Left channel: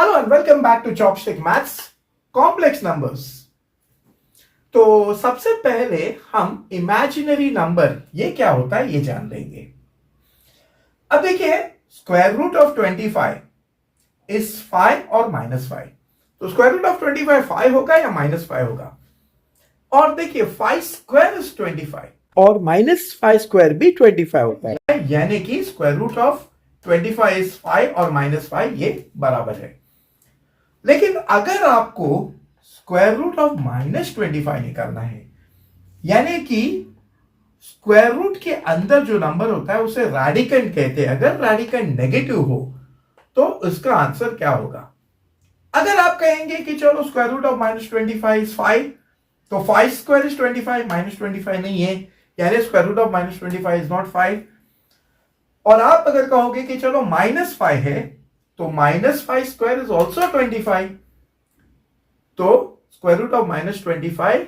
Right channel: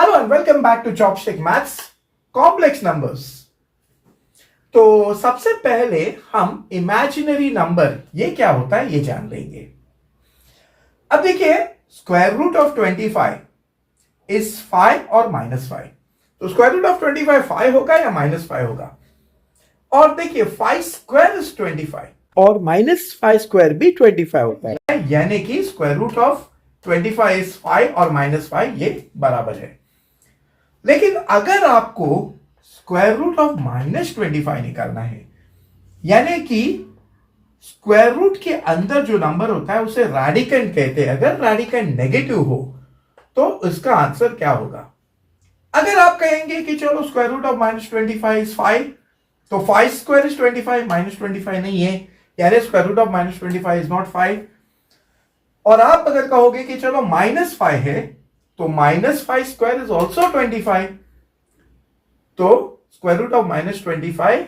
Hello and welcome back to chopstick maths complex numbers. तो सबसे पहले हम इमेजिनरी नंबर ये क्या होता है ये जान लेंगे। अब देखिए, स्क्वायर रूट ऑफ 25 इज 5 और -5। तो स्क्वायर रूट ऑफ 25 5 होगा या -5 होगा। और देखिए 5 स्क्वायर इज 25 और -5 स्क्वायर भी 25 होता है, यानी कि स्क्वायर रूट ऑफ 25 इज 5 और -5 ये बराबर है। लेकिन अगर आपको स्क्वायर रूट ऑफ -25 निकालना है, यानी कि स्क्वायर रूट के अंदर जो नंबर होता है उसे रैडिकंड कहते हैं। अगर रैडिकंड नेगेटिव हो तो उसका आंसर क्या होगा। अगर आप कहेंगे कि चलो स्क्वायर रूट ऑफ -25 इज 5, तो 5 स्क्वायर इज 25, -25 नहीं है, यानी square root of -25 is not 5। और आप अगर कहोगे कि चलो -5 है, तो -5 स्क्वायर इज ऑल्सो 25, तो square root of -25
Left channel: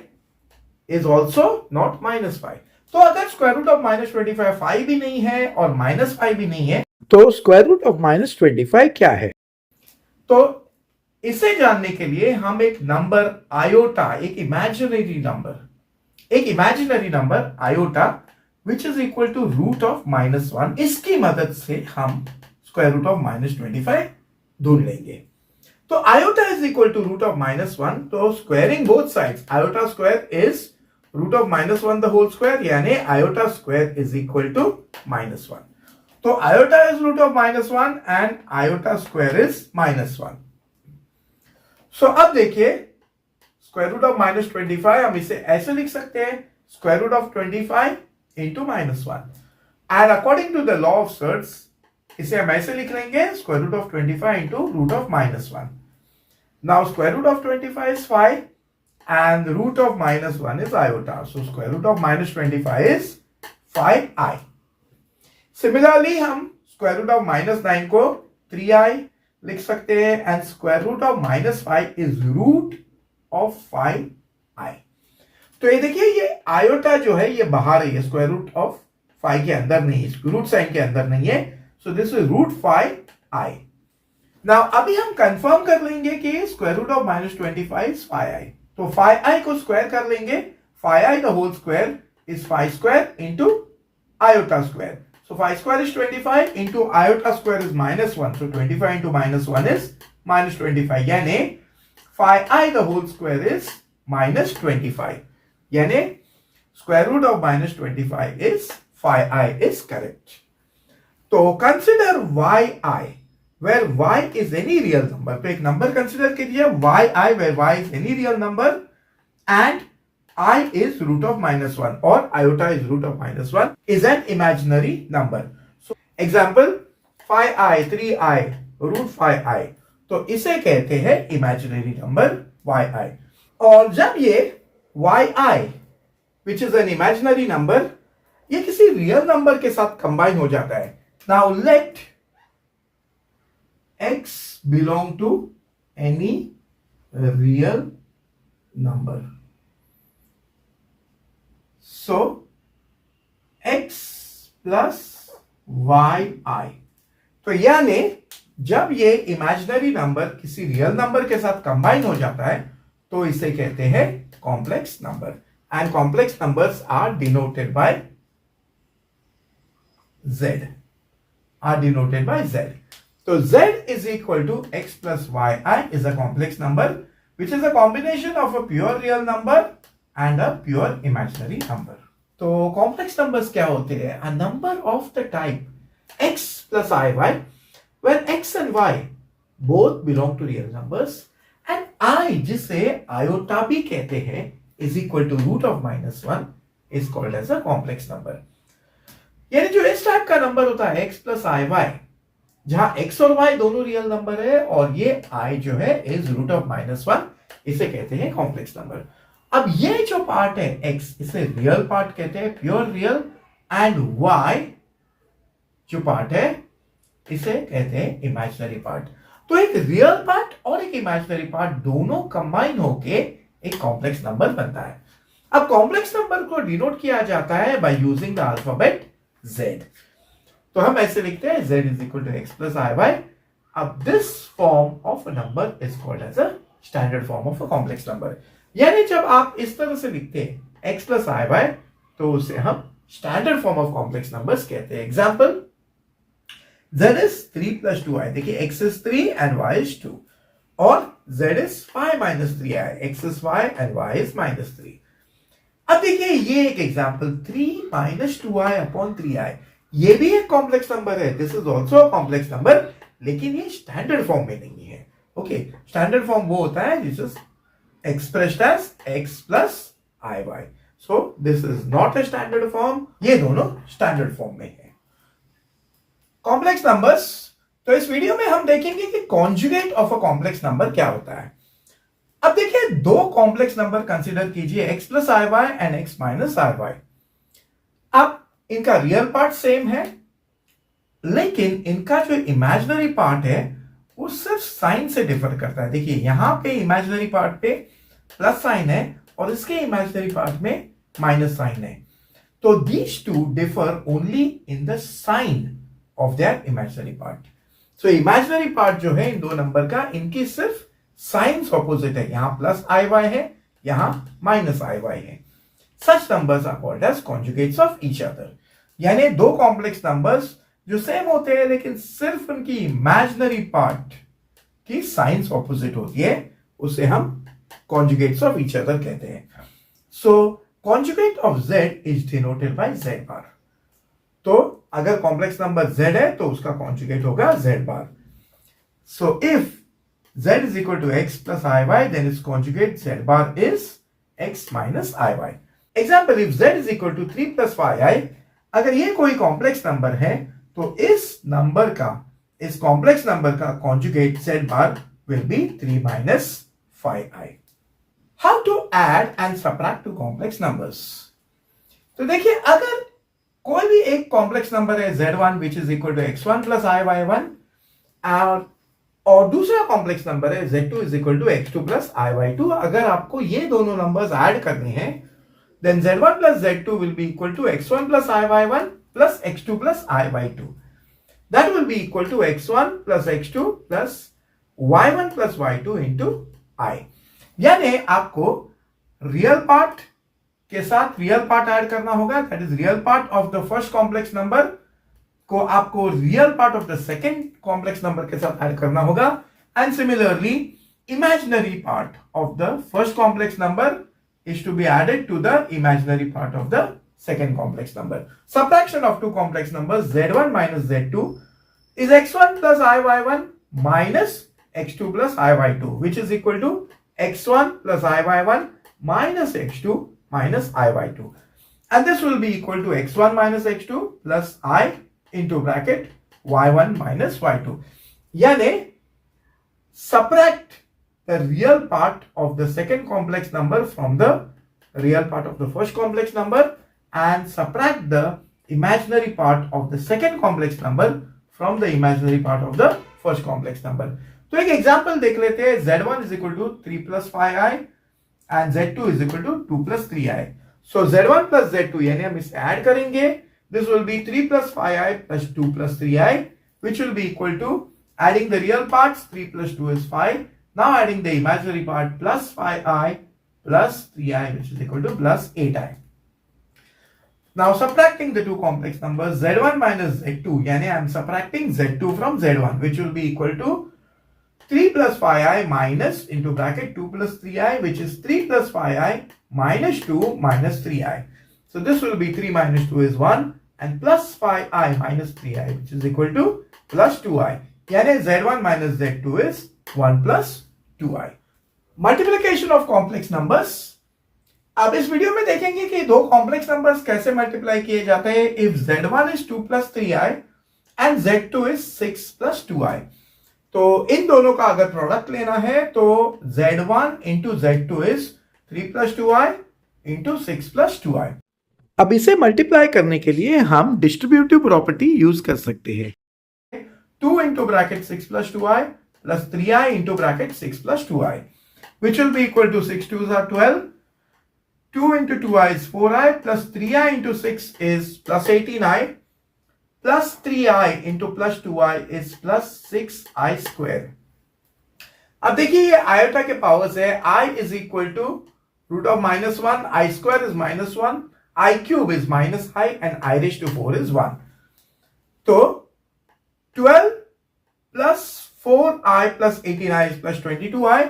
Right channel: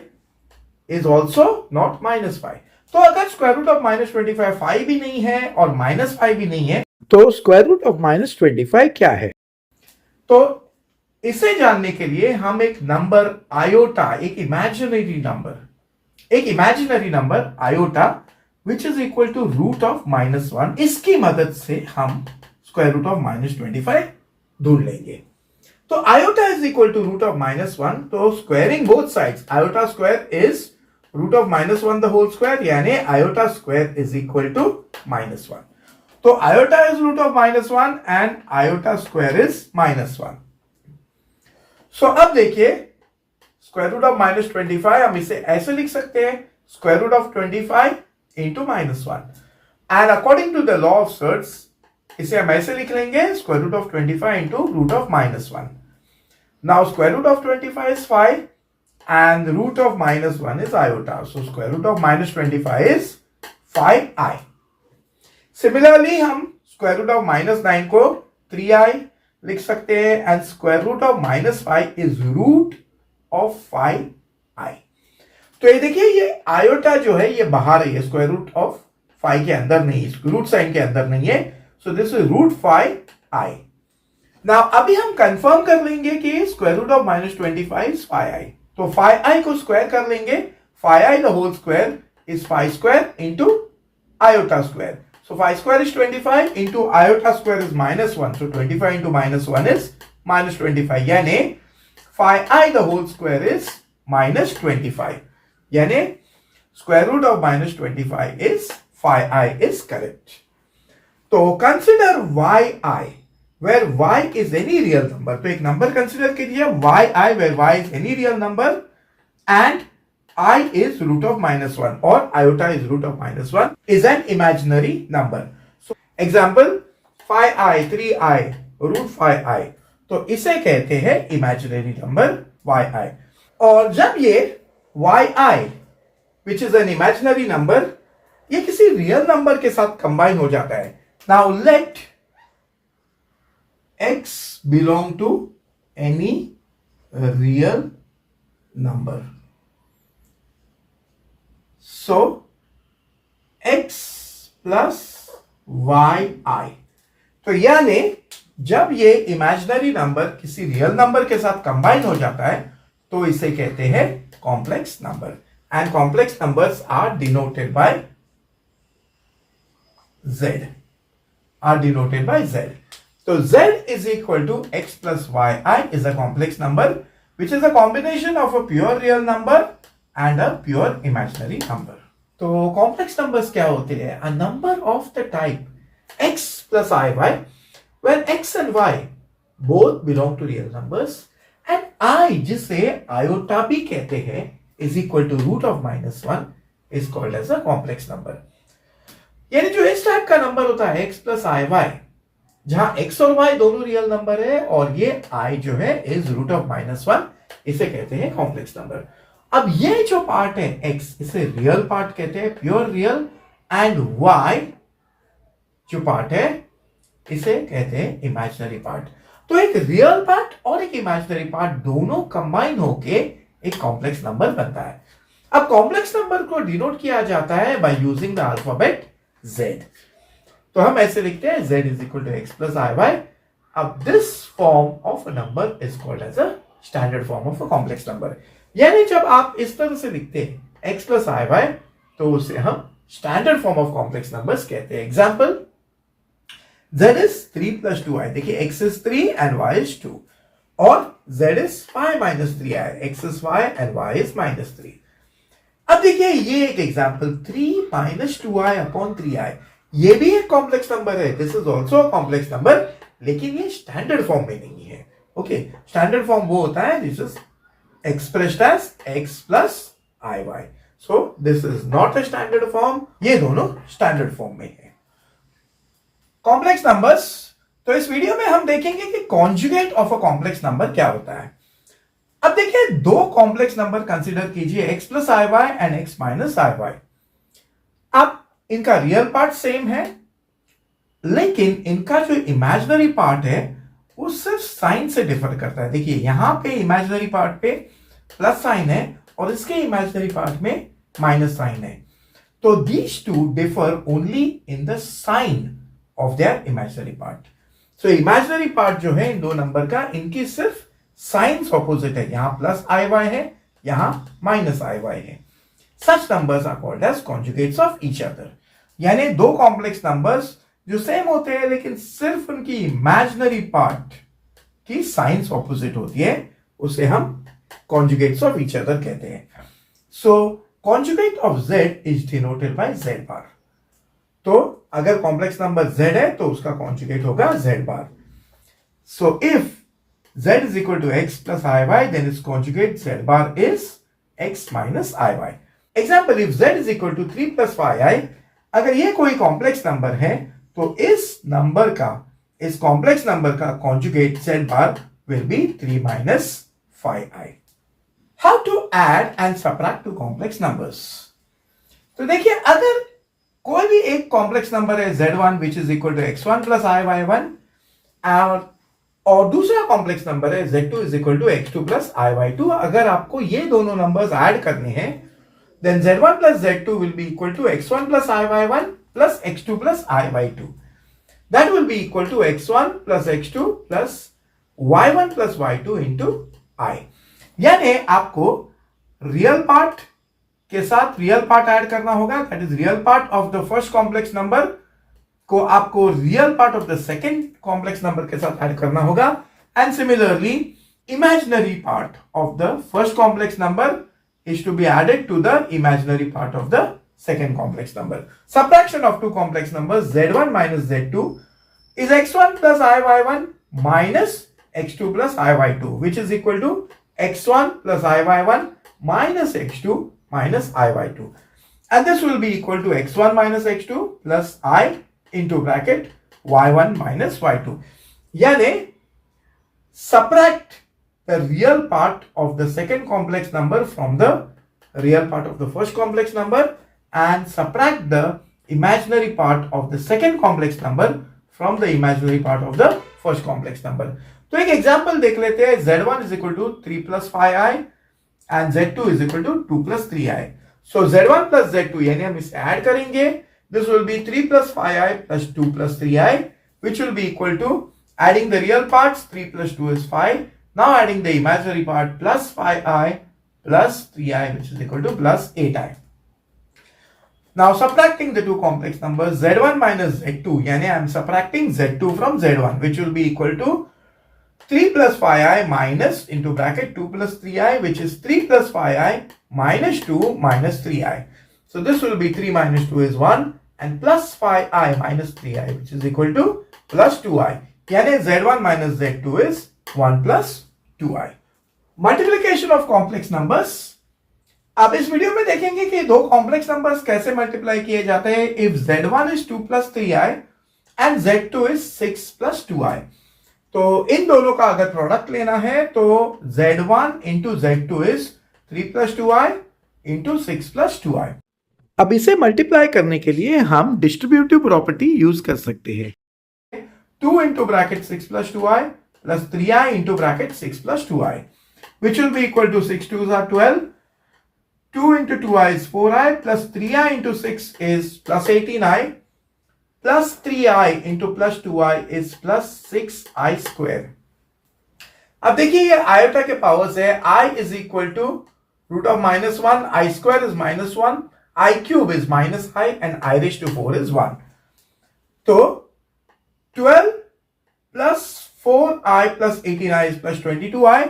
is also not -5। तो अगर स्क्वायर रूट ऑफ -25 5 भी नहीं है और -5 भी नहीं है, तो स्क्वायर रूट ऑफ -25 क्या है। तो इसे जानने के लिए हम एक नंबर आयोटा, एक imaginary number iota which is equal to root of -1, इसकी मदद से हम स्क्वायर रूट ऑफ -25 ढूंढ लेंगे। तो iota is equal to root of -1, तो squaring both sides, iota square is root of -1 the whole square, यानी iota square is equal to -1। तो iota is root of -1 and iota square is -1। So अब देखिए, square root of -25 हम इसे ऐसे लिख सकते हैं, square root of 25 into -1, and according to the law of surds इसे हम ऐसे लिख लेंगे, square root of 25 into root of -1। Now square root of 25 is 5 and the root of -1 is iota, so square root of -25 is 5i. Similarly हम square root of -9 को 3i लिख सकते हैं, and square root of -5 is root of 5i. तो ये देखिए, ये iota जो है ये बाहर है, स्क्वायर रूट ऑफ 5 के अंदर नहीं है, रूट साइन के अंदर नहीं है, so this is root 5i. Now अभी हम कंफर्म कर लेंगे कि square root of -25 is 5i। तो 5i को स्क्वायर कर लेंगे, 5i the whole square is 5 square into iota square. So 5 square is 25 into iota square is -1, so 25 into -1 is -25, यानी 5i the whole square is -25, यानी square root of -25 is 5i is correct. तो consider yi where y is any real number, तो एक number consider कीजिए yi where y is any real number and I is root of -1 or iota is root of -1 is an imaginary number. So example 5i 3i root 5i, तो इसे कहते हैं imaginary number yi। और जब ये yi which is an imaginary number ये किसी real number के साथ कंबाइन हो जाता है, now let x belong to any real number. So x plus yi, तो यानी जब ये इमेजिनरी नंबर किसी रियल नंबर के साथ कंबाइन हो जाता है तो इसे कहते हैं complex number, and complex numbers are denoted by z, So z is equal to x plus yi is a complex number which is a combination of a pure real number and a pure imaginary number. तो complex numbers क्या होते हैं? A number of the type x plus iy where x and y both belong to real numbers and I जिसे iota भी कहते हैं is equal to root of -1 is called as a complex number. यानी जो इस type का number होता है x plus iy, जहां x और y दोनों रियल नंबर है और ये i जो है इज रूट ऑफ -1, इसे कहते हैं कॉम्प्लेक्स नंबर। अब ये जो पार्ट है x, इसे रियल पार्ट कहते हैं, प्योर रियल, एंड y जो पार्ट है इसे कहते हैं इमेजिनरी पार्ट। तो एक रियल पार्ट और एक इमेजिनरी पार्ट दोनों कंबाइन होके एक कॉम्प्लेक्स नंबर बनता है। अब कॉम्प्लेक्स नंबर को डिनोट किया जाता है by using the alphabet z। तो हम ऐसे लिखते हैं z is equal to x plus i y अब this form of a number is called as a standard form of a complex number. यानी जब आप इस तरह से लिखते हैं x प्लस आई वाई, तो उसे हम standard form of complex numbers कहते हैं। Example, z is 3 plus 2i, देखिए x is 3 and y is 2, और z is 5 minus 3i, x is 5 and y is minus 3। अब देखिए ये एक example 3 minus 2i upon 3i, ये भी एक कॉम्प्लेक्स नंबर है, this is also a complex number, लेकिन ये स्टैंडर्ड फॉर्म में नहीं है। ओके, स्टैंडर्ड फॉर्म वो होता है this is expressed as x plus iy, so this is not a standard form, ये दोनों स्टैंडर्ड फॉर्म में है। कॉम्प्लेक्स नंबर्स, तो इस वीडियो में हम देखेंगे कि conjugate of a complex number क्या होता है। अब देखिए दो कॉम्प्लेक्स नंबर कंसीडर कीजिए x plus i y and x minus i y. अब इनका रियल पार्ट सेम है, लेकिन इनका जो इमेजिनरी पार्ट है वो सिर्फ साइन से डिफर करता है। देखिए यहां पे इमेजिनरी पार्ट पे प्लस साइन है और इसके इमेजिनरी पार्ट में माइनस साइन है, तो these two differ only in the sign of their imaginary part. So imaginary part जो है इन दो नंबर का, इनकी सिर्फ साइंस ऑपोजिट है, यहां प्लस आई वाई है, यहां माइनस आई वाई है। Such numbers are called as conjugates of each other. यानी दो कॉम्प्लेक्स नंबर्स जो सेम होते हैं लेकिन सिर्फ उनकी इमेजिनरी पार्ट की साइंस ऑपोजिट होती है, उसे हम कॉन्जुगेट्स ऑफ ईच अदर कहते हैं। So conjugate of z is denoted by z bar. तो अगर कॉम्प्लेक्स नंबर z है तो उसका कॉन्जुगेट होगा z bar. So if z is equal to x plus iy, then its conjugate z bar is x minus iy. Example, if z is equal to 3 plus 5i, अगर ये कोई complex number है तो इस complex number का conjugate z bar will be 3 minus 5i. How to add and subtract two complex numbers? तो देखिए अगर कोई भी एक कॉम्प्लेक्स नंबर है z1 which is equal to x1 plus iy1 और दूसरा कॉम्प्लेक्स नंबर है z2 is equal to x2 plus iy2, अगर आपको ये दोनों नंबर्स ऐड करने हैं then z1 plus z2 will be equal to x1 plus iy1 plus x2 plus iy2. That will be equal to x1 plus x2 plus y1 plus y2 into I. यानी आपको real part के साथ real part add करना होगा, that is real part of the first complex number को आपको real part of the second complex number के साथ ऐड करना होगा, and similarly imaginary part of the first complex number is to be added to the imaginary part of the second complex number. Subtraction of two complex numbers z1 minus z2 is x1 plus iy1 minus x2 plus iy2, which is equal to x1 plus iy1 minus x2 minus iy2, and this will be equal to x1 minus x2 plus I into bracket y1 minus y2. यानी subtract the real part of the second complex number from the real part of the first complex number and subtract the imaginary part of the second complex number from the imaginary part of the first complex number. तो एक example देख लेते हैं, z1 is equal to 3 plus 5i and z2 is equal to 2 plus 3i. So z1 plus z2 यानी हम इसे add करेंगे, this will be 3 plus 5i plus 2 plus 3i, which will be equal to, adding the real parts, 3 plus 2 is 5. Now adding the imaginary part, plus 5i plus 3i, which is equal to plus 8i. Now subtracting the two complex numbers z1 minus z2, yani I am subtracting z2 from z1, which will be equal to 3 plus 5i minus into bracket 2 plus 3i, which is 3 plus 5i minus 2 minus 3i. So this will be 3 minus 2 is 1 and plus 5i minus 3i, which is equal to plus 2i. Yani z1 minus z2 is 1 plus 2i. Multiplication of complex numbers. अब इस video में देखेंगे कि दो complex numbers कैसे multiply किए जाते हैं। If z1 is 2 plus 3i and z2 is 6 plus 2i, तो इन दोनों का अगर प्रोडक्ट लेना है तो z1 into z2 is 3 plus 2i into 6 plus 2i. अब इसे मल्टीप्लाई करने के लिए हम डिस्ट्रीब्यूटिव प्रॉपर्टी यूज कर सकते हैं। 2 into bracket 6 plus 2i plus 3i into bracket 6 plus 2i, which will be equal to 6 2s are 12, 2 into 2i is 4i plus 3i into 6 is plus 18i, plus 3i into plus 2i is plus 6i square. अब देखिए ये iota के powers है. I is equal to root of minus 1, I square is minus 1, I cube is minus I, and I raised to 4 is 1. तो 12 plus 4i plus 18i is plus 22i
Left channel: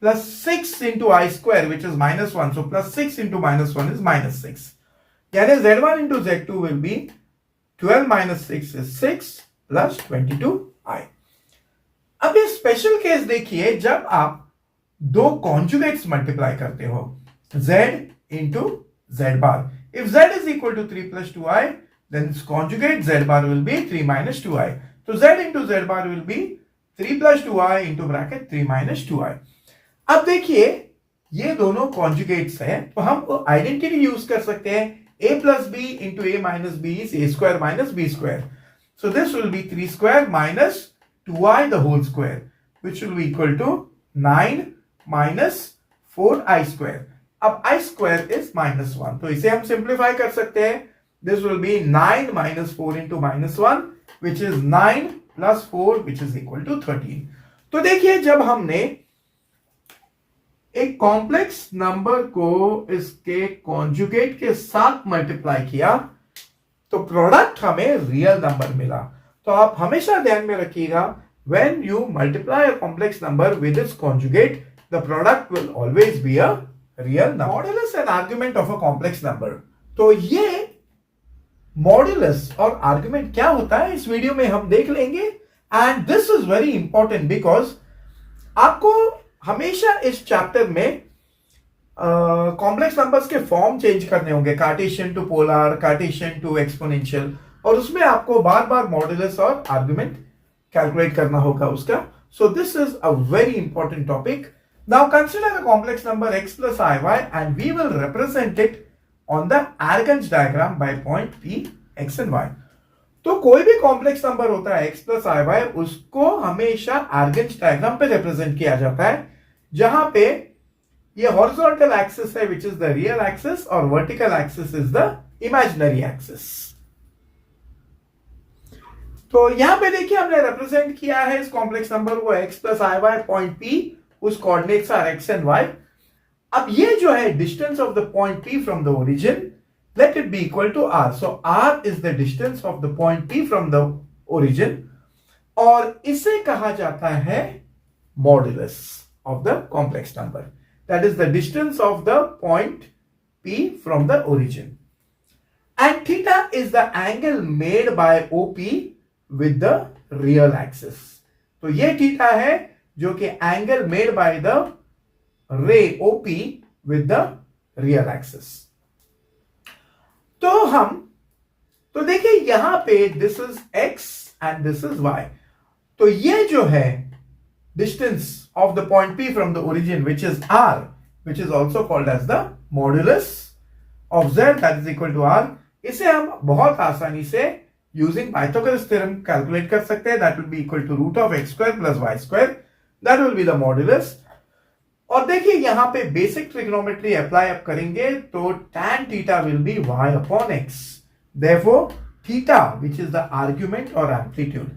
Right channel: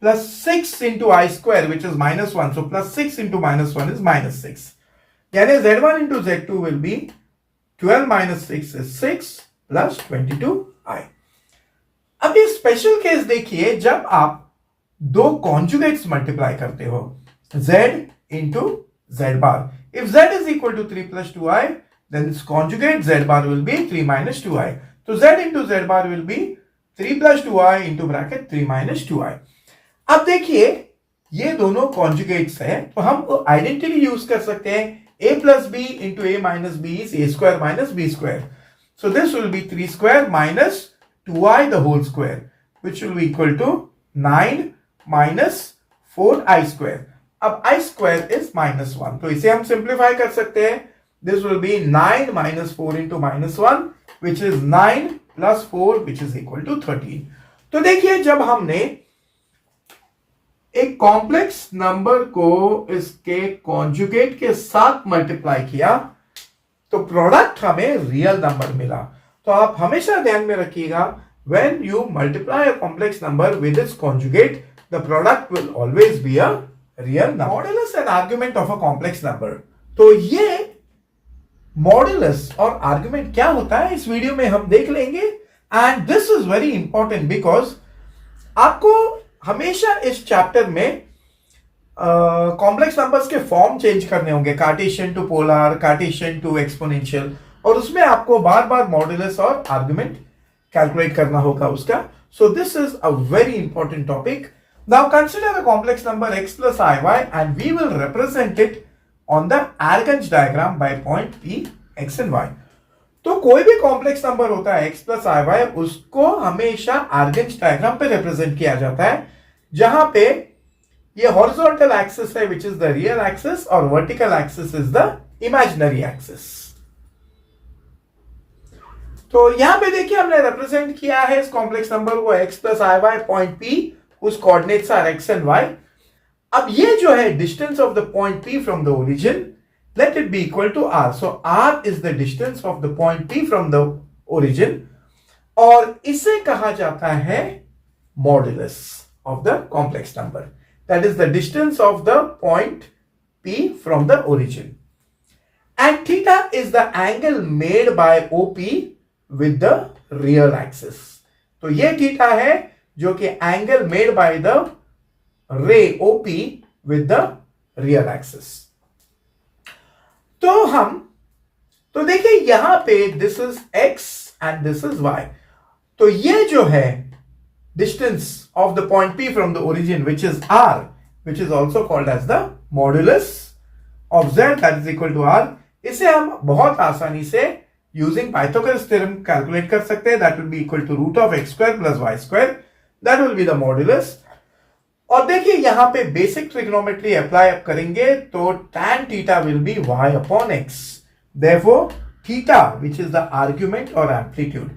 plus 6 into I square, which is minus 1. So plus 6 into minus 1 is minus 6. यानी Z1 into Z2 will be 12 minus 6 is 6 plus 22i. अब ये special case देखिए जब आप दो conjugates multiply करते हो, z into z bar. If z is equal to 3 plus 2i, then its conjugate z bar will be 3 minus 2i. So z into z bar will be 3 plus 2i into bracket 3 minus 2i. अब देखिए ये दोनों conjugates है, तो हम identity use कर सकते हैं. a plus b into a minus b is a square minus b square. So this will be 3 square minus 2i the whole square, which will be equal to 9 minus 4i square. अब i square is minus 1, तो इसे हम simplify कर सकते हैं. This will be 9 minus 4 into minus 1, which is 9 plus 4, which is equal to 13. तो देखिए जब हमने एक कॉम्प्लेक्स नंबर को इसके कॉन्जुगेट के साथ मल्टीप्लाई किया तो प्रोडक्ट हमें रियल नंबर मिला. तो आप हमेशा ध्यान में रखिएगा, when you multiply a complex number with its conjugate, the product will always be a real number. Modulus and argument of a complex number. तो ये मॉडुलस और आर्गुमेंट क्या होता है इस वीडियो में हम देख लेंगे. And this is very important because आपको हमेशा इस चैप्टर में कॉम्प्लेक्स नंबर्स के फॉर्म चेंज करने होंगे, Cartesian to polar, Cartesian to exponential, और उसमें आपको बार बार मॉडुलस और आर्गुमेंट कैलकुलेट करना होगा उसका. So this is a very important topic. Now consider a complex number x plus iy and we will represent it on the Argand diagram by point p, x and y. तो कोई भी complex number होता है x plus iy, उसको हमेशा आर्गेंज diagram पे represent किया जाता है, जहां पे ये हॉरिजॉन्टल एक्सिस है which is the real axis और vertical axis is the imaginary axis. तो यहां पे देखिए हमने रिप्रेजेंट किया है इस कॉम्प्लेक्स नंबर को x plus iy point p, उस coordinates are x and y. अब ये जो है distance of the point p from the origin, let it be equal to r. So r is the distance of the point p from the origin, और इसे कहा जाता है modulus of the complex number. That is the distance of the point p from the origin. And theta is the angle made by OP with the real axis. तो ये theta है जो कि angle made by the ray OP with the real axis. तो देखिए यहां पे this is x and this is y. तो ये जो है distance of the point p from the origin which is r, which is also called as the modulus of z, that is equal to r. इसे हम बहुत आसानी से using Pythagoras theorem calculate कर सकते हैं. That will be equal to root of x square plus y square, that will be the modulus. और देखिए यहां पे बेसिक ट्रिग्नोमेट्री अप्लाई अप करेंगे तो tan theta will be y upon x. Therefore theta which is the argument और amplitude.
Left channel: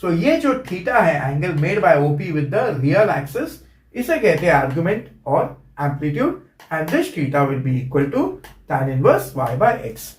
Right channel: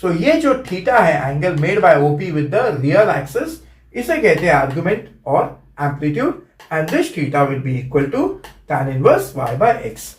सो ये जो थीटा है angle made by OP with the real axis, इसे कहते हैं आर्गुमेंट और amplitude, and this theta will be equal to tan inverse y by x.